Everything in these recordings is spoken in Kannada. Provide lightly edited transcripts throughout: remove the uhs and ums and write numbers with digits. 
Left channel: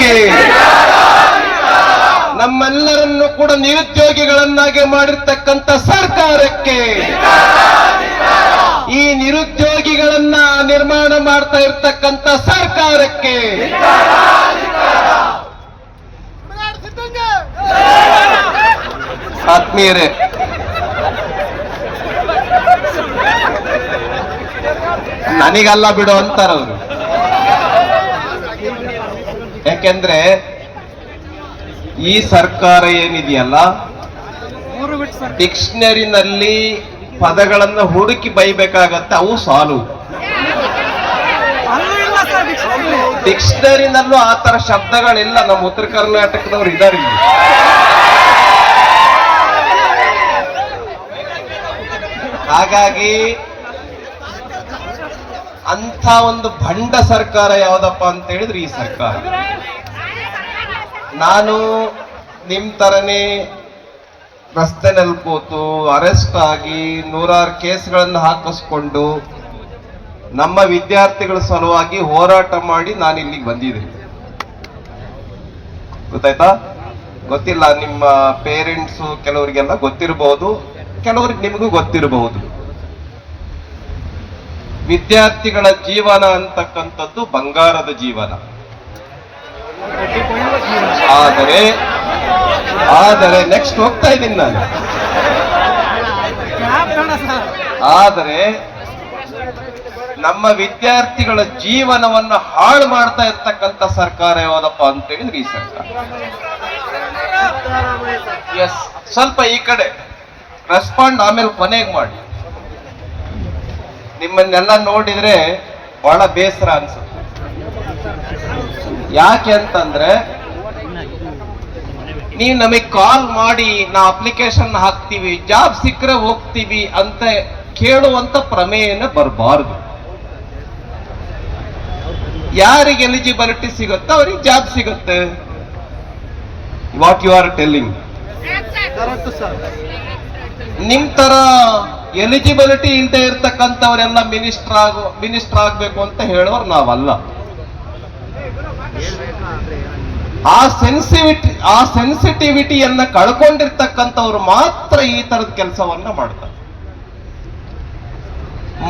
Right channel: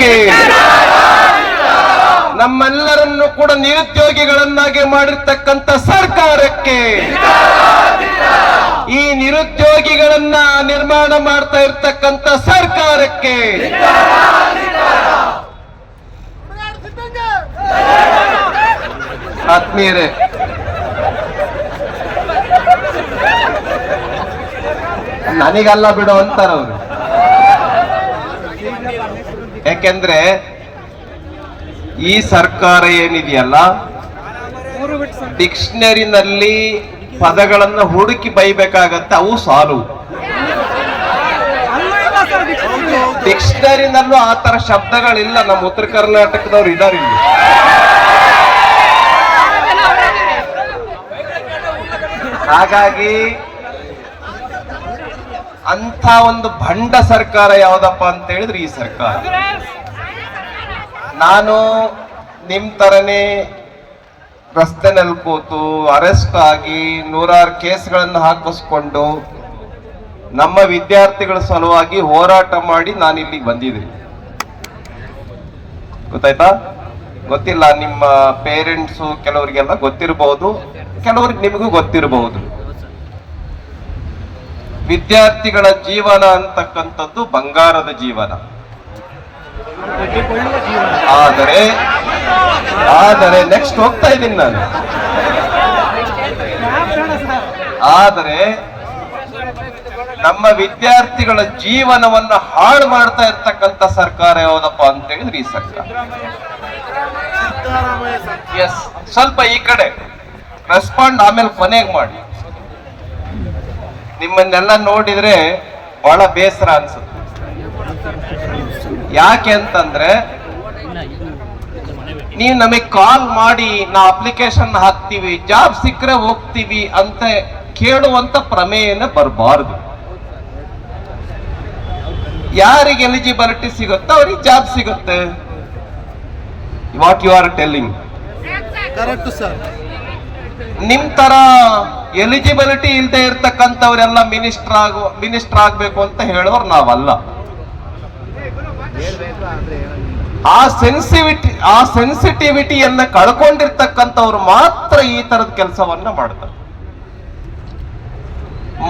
ಸರ್ಕಾರಕ್ಕೆ, ನಮ್ಮೆಲ್ಲರನ್ನು ಕೂಡ ನಿರುದ್ಯೋಗಿಗಳನ್ನಾಗಿ ಮಾಡಿರ್ತಕ್ಕಂಥ ಸರ್ಕಾರಕ್ಕೆ, ಈ ನಿರುದ್ಯೋಗಿಗಳನ್ನ ನಿರ್ಮಾಣ ಮಾಡ್ತಾ ಇರ್ತಕ್ಕಂಥ ಸರ್ಕಾರಕ್ಕೆ ಆತ್ಮೀಯರೇ, ನನಗಲ್ಲ ಬಿಡು ಅಂತಾರವ್ರು. ಯಾಕೆಂದ್ರೆ ಈ ಸರ್ಕಾರ ಏನಿದೆಯಲ್ಲ, ಡಿಕ್ಷನರಿನಲ್ಲಿ ಪದಗಳನ್ನು ಹುಡುಕಿ ಬೈಬೇಕಾಗತ್ತೆ, ಅವು ಸಾಲು. ಡಿಕ್ಷನರಿನಲ್ಲೂ ಆ ತರ ಶಬ್ದಗಳಿಲ್ಲ. ನಮ್ಮ ಉತ್ತರ ಕರ್ನಾಟಕದವ್ರು ಇದಾರೆ ಇಲ್ಲಿ. ಹಾಗಾಗಿ ಅಂತ ಒಂದು ಭಂಡ ಸರ್ಕಾರ ಯಾವ್ದಪ್ಪ ಅಂತ ಹೇಳಿದ್ರೆ ಈ ಸರ್ಕಾರ. ನಾನು ನಿಮ್ ತರನೇ ರಸ್ತೆನಲ್ಲಿ ಕೂತು ಅರೆಸ್ಟ್ ಆಗಿ ನೂರಾರು ಕೇಸ್ಗಳನ್ನು ಹಾಕಿಸ್ಕೊಂಡು ನಮ್ಮ ವಿದ್ಯಾರ್ಥಿಗಳ ಸಲುವಾಗಿ ಹೋರಾಟ ಮಾಡಿ ನಾನು ಇಲ್ಲಿಗೆ ಬಂದಿದ್ದೀನಿ. ಗೊತ್ತಾಯ್ತಾ? ಗೊತ್ತಿಲ್ಲ, ನಿಮ್ಮ ಪೇರೆಂಟ್ಸು ಕೆಲವರಿಗೆಲ್ಲ ಗೊತ್ತಿರಬಹುದು, ಕೆಲವರಿಗೆ ನಿಮಗೂ ಗೊತ್ತಿರಬಹುದು. ವಿದ್ಯಾರ್ಥಿಗಳ ಜೀವನ ಅಂತಕ್ಕಂಥದ್ದು ಬಂಗಾರದ ಜೀವನ. ಆದರೆ ನೆಕ್ಸ್ಟ್ ಹೋಗ್ತಾ ಇದ್ದೀನಿ ನಾನು. ಆದರೆ ನಮ್ಮ ವಿದ್ಯಾರ್ಥಿಗಳ ಜೀವನವನ್ನು ಹಾಳು ಮಾಡ್ತಾ ಇರ್ತಕ್ಕಂಥ ಸರ್ಕಾರ ಯಾವುದಪ್ಪ ಅಂತ ಹೇಳಿದ್ರೆ ಈ ಸರ್ಕಾರ. ಎಸ್, ಸ್ವಲ್ಪ ಈ ಕಡೆ ರೆಸ್ಪಾಂಡ್ ಆಮೇಲೆ ಕೊನೆಗೆ ಮಾಡಿ. ನಿಮ್ಮನ್ನೆಲ್ಲ ನೋಡಿದ್ರೆ ಬಹಳ ಬೇಸರ ಅನ್ಸುತ್ತೆ. ಯಾಕೆ ಅಂತಂದ್ರೆ ನೀವು ನಮಗೆ ಕಾಲ್ ಮಾಡಿ ನಾ ಅಪ್ಲಿಕೇಶನ್ ಹಾಕ್ತೀವಿ, ಜಾಬ್ ಸಿಕ್ಕರೆ ಹೋಗ್ತೀವಿ ಅಂತ ಕೇಳುವಂತ ಪ್ರಮೇಯನ ಬರಬಾರ್ದು. ಯಾರಿಗೆ ಎಲಿಜಿಬಿಲಿಟಿ ಸಿಗುತ್ತೋ ಅವ್ರಿಗೆ ಜಾಬ್ ಸಿಗುತ್ತೆ. What you are telling correct sir. ನಿಮ್ ತರ ಎಲಿಜಿಬಿಲಿಟಿ ಇಲ್ಲದೆ ಇರ್ತಕ್ಕಂಥವರೆಲ್ಲ ಮಿನಿಸ್ಟರ್ ಆಗ್ಬೇಕು ಅಂತ ಹೇಳೋರು ನಾವಲ್ಲ. ಆ ಸೆನ್ಸಿಟಿವಿಟಿಯನ್ನ ಕಳ್ಕೊಂಡಿರ್ತಕ್ಕಂಥವ್ರು ಮಾತ್ರ ಈ ತರದ ಕೆಲಸವನ್ನ ಮಾಡ್ತಾರೆ.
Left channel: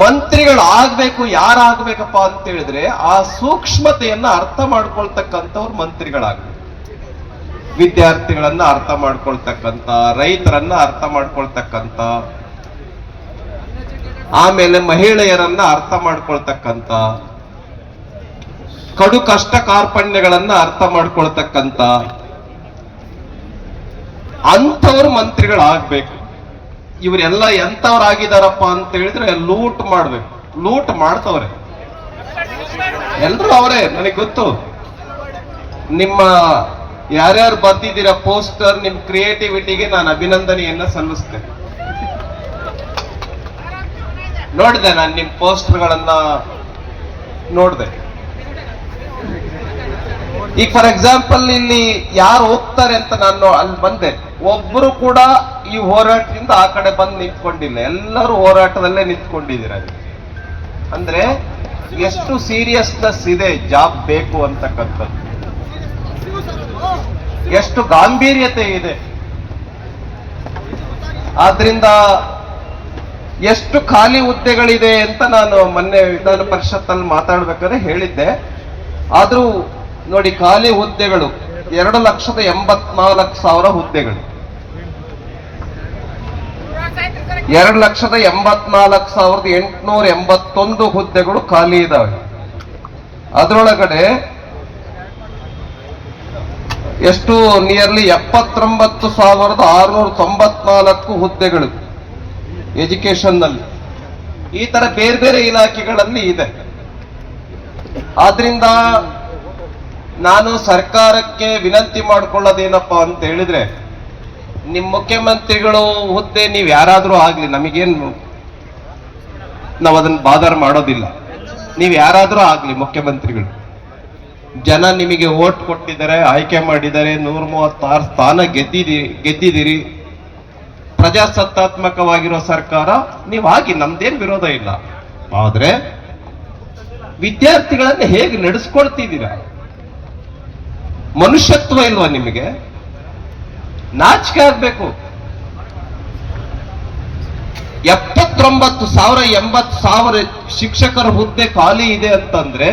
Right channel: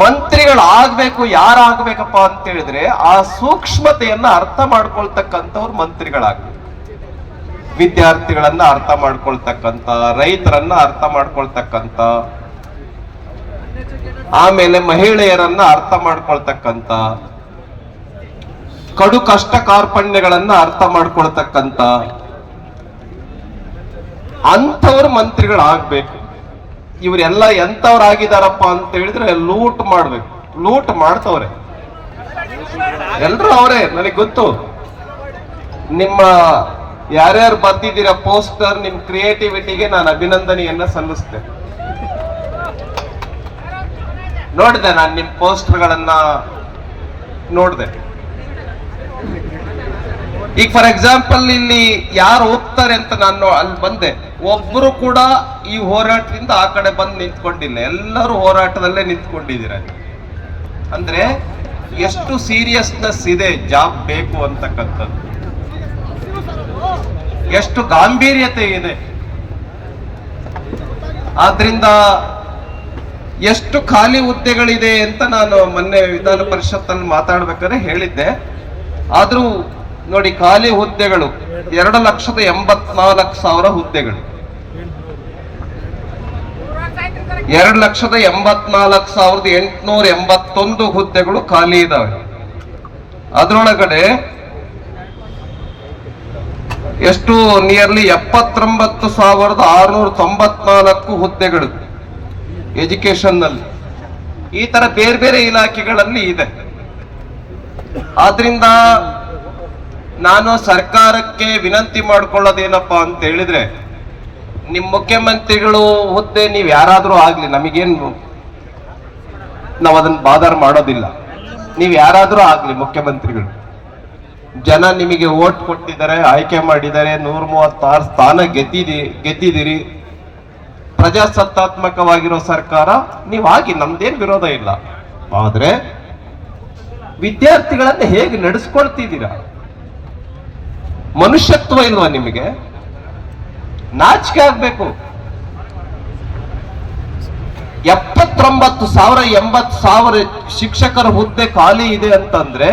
ಮಂತ್ರಿಗಳು ಆಗ್ಬೇಕು, ಯಾರಾಗಬೇಕಪ್ಪ ಅಂತ ಹೇಳಿದ್ರೆ ಆ ಸೂಕ್ಷ್ಮತೆಯನ್ನ ಅರ್ಥ ಮಾಡ್ಕೊಳ್ತಕ್ಕಂಥವ್ರು ಮಂತ್ರಿಗಳಾಗಬೇಕು. ವಿದ್ಯಾರ್ಥಿಗಳನ್ನ ಅರ್ಥ ಮಾಡ್ಕೊಳ್ತಕ್ಕಂಥ, ರೈತರನ್ನ ಅರ್ಥ ಮಾಡ್ಕೊಳ್ತಕ್ಕಂಥ, ಆಮೇಲೆ ಮಹಿಳೆಯರನ್ನ ಅರ್ಥ ಮಾಡ್ಕೊಳ್ತಕ್ಕಂಥ, ಕಡು ಕಷ್ಟ ಕಾರ್ಪಣ್ಯಗಳನ್ನ ಅರ್ಥ ಮಾಡ್ಕೊಳ್ತಕ್ಕಂಥ ಅಂಥವ್ರು ಮಂತ್ರಿಗಳಾಗ್ಬೇಕು. ಇವರೆಲ್ಲ ಎಂಥವ್ರಾಗಿದಾರಪ್ಪ ಅಂತ ಹೇಳಿದ್ರೆ ಲೂಟ್ ಮಾಡ್ಬೇಕು. ಲೂಟ್ ಮಾಡ್ತವ್ರೆ ಎಲ್ರು ಅವರೇ. ನನಗೆ ಗೊತ್ತು, ನಿಮ್ಮ ಯಾರ್ಯಾರು ಬರ್ತಿದ್ದೀರಾ ಪೋಸ್ಟರ್, ನಿಮ್ ಕ್ರಿಯೇಟಿವಿಟಿಗೆ ನಾನು ಅಭಿನಂದನೆಯನ್ನ ಸಲ್ಲಿಸ್ತೇನೆ. ನೋಡಿದೆ ನಾನು ನಿಮ್ ಪೋಸ್ಟರ್ಗಳನ್ನ ನೋಡಿದೆ. ಈಗ ಫಾರ್ ಎಕ್ಸಾಂಪಲ್ ಇಲ್ಲಿ ಯಾರು ಹೋಗ್ತಾರೆ ಅಂತ ನಾನು ಅಲ್ಲಿ ಬಂದೆ, ಒಬ್ರು ಕೂಡ ಈ ಹೋರಾಟದಿಂದ ಆ ಕಡೆ ಬಂದು ನಿಂತ್ಕೊಂಡಿಲ್ಲ. ಎಲ್ಲರೂ ಹೋರಾಟದಲ್ಲೇ ನಿಂತ್ಕೊಂಡಿದ್ದೀರ. ಅಂದ್ರೆ ಎಷ್ಟು ಸೀರಿಯಸ್ನೆಸ್ ಇದೆ ಜಾಬ್ ಬೇಕು ಅಂತಕ್ಕಂಥದ್ದು, ಎಷ್ಟು ಗಾಂಭೀರ್ಯತೆ ಇದೆ. ಆದ್ರಿಂದ ಎಷ್ಟು ಖಾಲಿ ಹುದ್ದೆಗಳಿದೆ ಅಂತ ನಾನು ಮೊನ್ನೆ ವಿಧಾನ ಪರಿಷತ್ತಲ್ಲಿ ಮಾತಾಡ್ಬೇಕಾದ್ರೆ ಹೇಳಿದ್ದೆ. ಆದ್ರೂ ನೋಡಿ, ಖಾಲಿ ಹುದ್ದೆಗಳು 2,84,000 ಹುದ್ದೆಗಳು. 2,84,881 ಹುದ್ದೆಗಳು ಖಾಲಿ ಇದಾವೆ. ಅದರೊಳಗಡೆ ಎಷ್ಟು ನಿಯರ್ಲಿ 79,694 ಹುದ್ದೆಗಳು ಎಜುಕೇಶನ್ ನಲ್ಲಿ. ಈ ತರ ಬೇರೆ ಬೇರೆ ಇಲಾಖೆಗಳಲ್ಲಿ ಇದೆ. ಆದ್ರಿಂದ ನಾನು ಸರ್ಕಾರಕ್ಕೆ ವಿನಂತಿ ಮಾಡ್ಕೊಳ್ಳೋದೇನಪ್ಪಾ ಅಂತ ಹೇಳಿದ್ರೆ, ನಿಮ್ ಮುಖ್ಯಮಂತ್ರಿಗಳು ಹುದ್ದೆ ನೀವ್ ಯಾರಾದ್ರೂ ಆಗ್ಲಿ, ನಮಗೇನು ನಾವ್ ಅದನ್ನ ಬಾದರ್ ಮಾಡೋದಿಲ್ಲ. ನೀವ್ ಯಾರಾದ್ರೂ ಆಗ್ಲಿ ಮುಖ್ಯಮಂತ್ರಿಗಳು, ಜನ ನಿಮಗೆ ವೋಟ್ ಕೊಟ್ಟಿದ್ದಾರೆ, ಆಯ್ಕೆ ಮಾಡಿದ್ದಾರೆ, 136 ಸ್ಥಾನ ಗೆದ್ದಿದ್ದೀರಿ. ಪ್ರಜಾಸತ್ತಾತ್ಮಕವಾಗಿರೋ ಸರ್ಕಾರ ನೀವಾಗಿ, ನಮ್ದೇನ್ ವಿರೋಧ ಇಲ್ಲ. ಆದ್ರೆ ವಿದ್ಯಾರ್ಥಿಗಳನ್ನ ಹೇಗೆ ನಡೆಸ್ಕೊಳ್ತಿದ್ದೀರಾ? ಮನುಷ್ಯತ್ವ ಇಲ್ವಾ ನಿಮಗೆ? ನಾಚಿಕೆ ಆಗ್ಬೇಕು. 79,000 80,000 ಶಿಕ್ಷಕರ ಹುದ್ದೆ ಖಾಲಿ ಇದೆ ಅಂತಂದ್ರೆ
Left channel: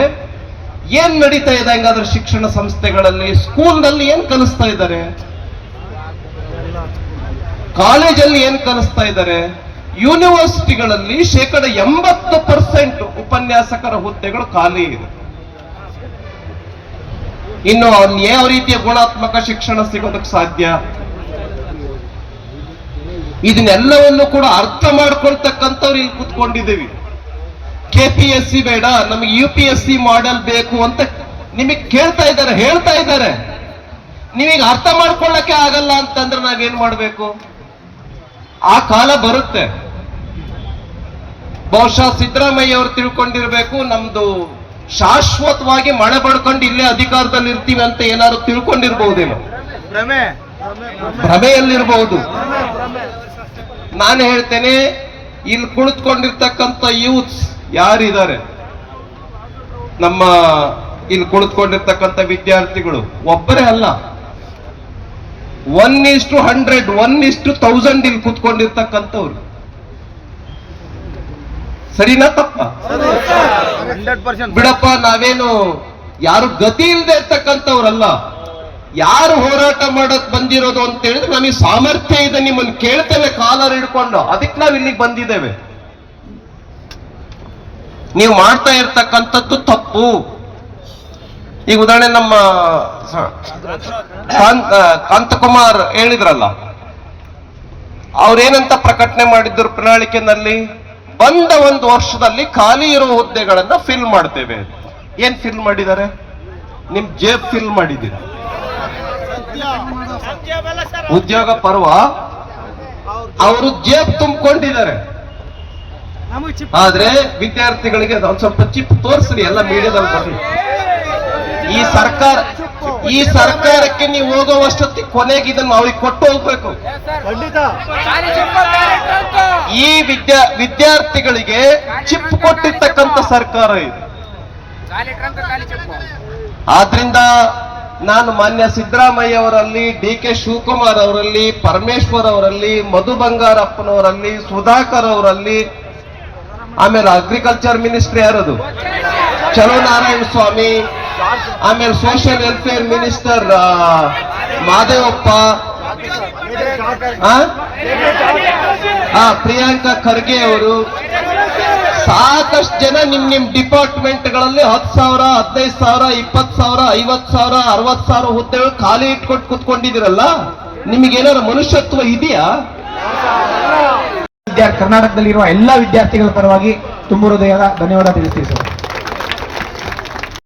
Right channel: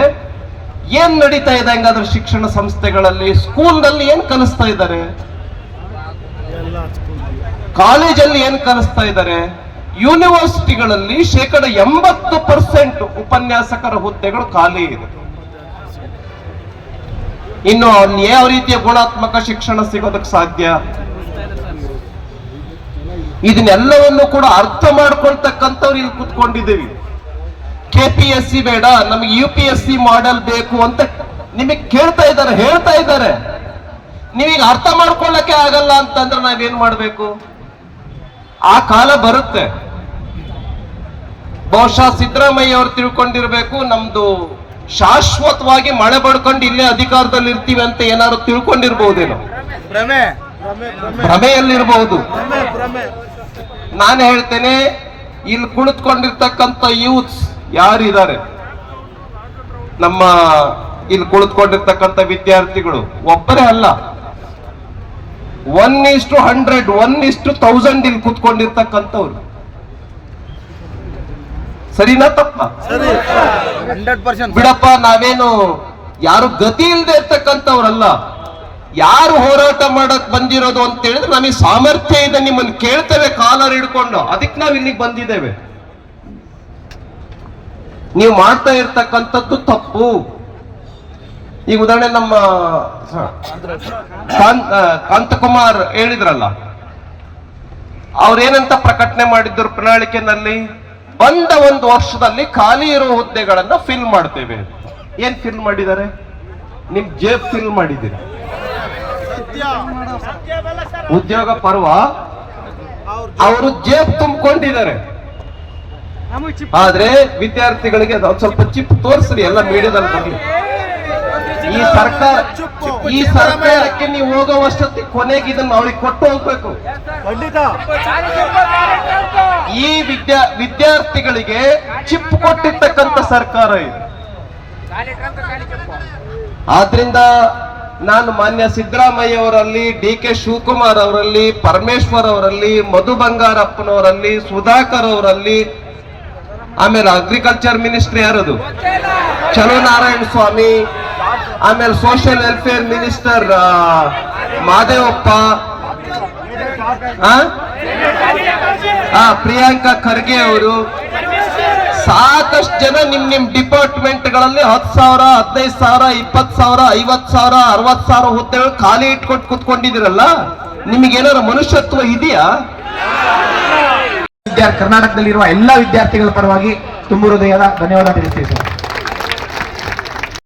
ಏನ್ ನಡೀತಾ ಇದೆ ಹಂಗಾದ್ರೆ ಶಿಕ್ಷಣ ಸಂಸ್ಥೆಗಳಲ್ಲಿ? ಸ್ಕೂಲ್ನಲ್ಲಿ ಏನ್ ಕಲಿಸ್ತಾ ಇದ್ದಾರೆ? ಕಾಲೇಜಲ್ಲಿ ಏನ್ ಕಲಿಸ್ತಾ ಇದ್ದಾರೆ? ಯೂನಿವರ್ಸಿಟಿಗಳಲ್ಲಿ 80% ಉಪನ್ಯಾಸಕರ ಹುದ್ದೆಗಳು ಖಾಲಿ ಇದೆ. ಇನ್ನು ಯಾವ ರೀತಿಯ ಗುಣಾತ್ಮಕ ಶಿಕ್ಷಣ ಸಿಗೋದಕ್ಕೆ ಸಾಧ್ಯ? ಇದನ್ನೆಲ್ಲವನ್ನು ಕೂಡ ಅರ್ಥ ಮಾಡ್ಕೊಳ್ತಕ್ಕಂಥವ್ರು ಇಲ್ಲಿ ಕೂತ್ಕೊಂಡಿದ್ದೀವಿ. KPSC ಬೇಡ, ನಮಗೆ UPSC ಮಾಡೆಲ್ ಬೇಕು ಅಂತ ನಿಮಗೆ ಕೇಳ್ತಾ ಇದ್ದಾರೆ, ಹೇಳ್ತಾ ಇದ್ದಾರೆ. ನೀವೀಗ ಅರ್ಥ ಮಾಡ್ಕೊಳ್ಳಕ್ಕೆ ಆಗಲ್ಲ ಅಂತಂದ್ರೆ ನಾವೇನ್ ಮಾಡ್ಬೇಕು? ಆ ಕಾಲ ಬರುತ್ತೆ. ಬಹುಶಃ ಸಿದ್ದರಾಮಯ್ಯ ಅವರು ತಿಳ್ಕೊಂಡಿರ್ಬೇಕು, ನಮ್ದು ಶಾಶ್ವತವಾಗಿ ಮಳೆ ಬಡ್ಕೊಂಡು ಇಲ್ಲೇ ಅಧಿಕಾರದಲ್ಲಿ ಇರ್ತೀವಿ ಅಂತ ಏನಾದ್ರು ತಿಳ್ಕೊಂಡಿರ್ಬಹುದೇನೋ, ಭ್ರಮೆಯಲ್ಲಿರ್ಬಹುದು. ನಾನು ಹೇಳ್ತೇನೆ, ಇಲ್ಲಿ ಕುಳಿತುಕೊಂಡಿರ್ತಕ್ಕಂಥ ಯೂತ್ಸ್ ಯಾರಿದ್ದಾರೆ, ನಮ್ಮ ಇಲ್ಲಿ ಕುಳಿತುಕೊಂಡಿರ್ತಕ್ಕಂಥ ವಿದ್ಯಾರ್ಥಿಗಳು ಒಬ್ಬರೇ ಅಲ್ಲ, 1:100 1:1000 ಇಲ್ಲಿ ಕೂತ್ಕೊಂಡಿರ್ತಕ್ಕಂಥವ್ರು. ಸರಿನಾ ತಪ್ಪ? ಬಿಡಪ್ಪ, ನಾವೇನು ಯಾರು ಗತಿ ಇಲ್ಲದೆ ಇರ್ತಕ್ಕಂಥವ್ರಲ್ಲ. ಯಾರು ಹೋರಾಟ ಮಾಡಕ್ ಬಂದಿರೋದು ಅಂತ ಹೇಳಿದ್ರೆ ನಮಗೆ ಸಾಮರ್ಥ್ಯ ಇದೆ, ನಿಮ್ಮನ್ನು ಕೇಳ್ತೇವೆ ಕಾಲರ್ ಹಿಡ್ಕೊಂಡು, ಅದಕ್ಕೆ ನಾವು ಇಲ್ಲಿಗೆ ಬಂದಿದ್ದೇವೆ. ನೀವು ಮಾಡ್ತಾ ಇರ್ತಕ್ಕಂಥದ್ದು ತಪ್ಪು. ಈಗ ಉದಾಹರಣೆ ನಮ್ಮ ಕಾಂತಕುಮಾರ್ ಹೇಳಿದ್ರಲ್ಲ, ಅವ್ರೇನಂತ ಪ್ರಕಟಣೆ ಮಾಡಿದ್ರು ಪ್ರಣಾಳಿಕೆನಲ್ಲಿ, ಬಂದ 1 ವರ್ಷದಲ್ಲಿ ಖಾಲಿ ಇರೋ ಹುದ್ದೆಗಳನ್ನ ಫಿಲ್ ಮಾಡ್ತೇವೆ. ಏನ್ ಫಿಲ್ ಮಾಡಿದ್ದಾರೆ? ನಿಮ್ ಜೇಬ್ ಫಿಲ್ ಮಾಡಿದ್ದೀರಿ. ಉದ್ಯೋಗ ಪರ್ವ ಅವರು ಜೇಬ್ ತುಂಬಿಕೊಂಡಿದ್ದಾರೆ. ಆದ್ರೆ ವಿದ್ಯಾರ್ಥಿಗಳಿಗೆ ಸ್ವಲ್ಪ ಚಿಪ್ ತೋರಿಸ್ರಿ, ಎಲ್ಲ ಮೀಡಿಯಾದಲ್ಲಿ ಬರಲಿ. ಈ ಸರ್ಕಾರಕ್ಕೆ ನೀವು ಹೋಗುವಷ್ಟೊತ್ತಿಗೆ ಕೊನೆಗೆ ಇದನ್ನು ಅವ್ರಿಗೆ ಕೊಟ್ಟು ಹೋಗ್ಬೇಕು. ಈ ವಿದ್ಯಾರ್ಥಿಗಳಿಗೆ ಚಿಪ್ ಕೊಟ್ಟಿರ್ತಕ್ಕಂಥ ಸರ್ಕಾರ ಇದೆ. ಆದ್ರಿಂದ ನಾನು ಮಾನ್ಯ ಸಿದ್ದರಾಮಯ್ಯ ಅವರಲ್ಲಿ, DK ಶಿವಕುಮಾರ್ ಅವರಲ್ಲಿ, ಪರಮೇಶ್ವರ್ ಅವರಲ್ಲಿ, ಮಧು ಬಂಗಾರಪ್ಪನವರಲ್ಲಿ, ಸುಧಾಕರ್ ಅವರಲ್ಲಿ, ಆಮೇಲೆ ಅಗ್ರಿಕಲ್ಚರ್ ಮಿನಿಸ್ಟರ್ ಯಾರದು, ಚಲೋ ನಾರಾಯಣ ಸ್ವಾಮಿ, ಆಮೇಲೆ social welfare minister Madevappa, Priyanka Kharge ಅವರು, ಸಾಕಷ್ಟು ಜನ ನಿಮ್ ಡಿಪಾರ್ಟ್ಮೆಂಟ್ಗಳಲ್ಲಿ 10,000 15,000 20,000 50,000 60,000 ಹುದ್ದೆಗಳು ಖಾಲಿ ಇಟ್ಕೊಂಡು ಕೂತ್ಕೊಂಡಿದ್ದೀರಲ್ಲ, ನಿಮಗೇನಾದ್ರು ಮನುಷ್ಯತ್ವ ಇದೆಯಾ? ಕರ್ನಾಟಕದಲ್ಲಿರುವ ಎಲ್ಲ ವಿದ್ಯಾರ್ಥಿಗಳ ಪರವಾಗಿ ತುಂಬ ಹೃದಯದ ಧನ್ಯವಾದ ತಿಳಿಸ್ತೀವಿ ಸರ್.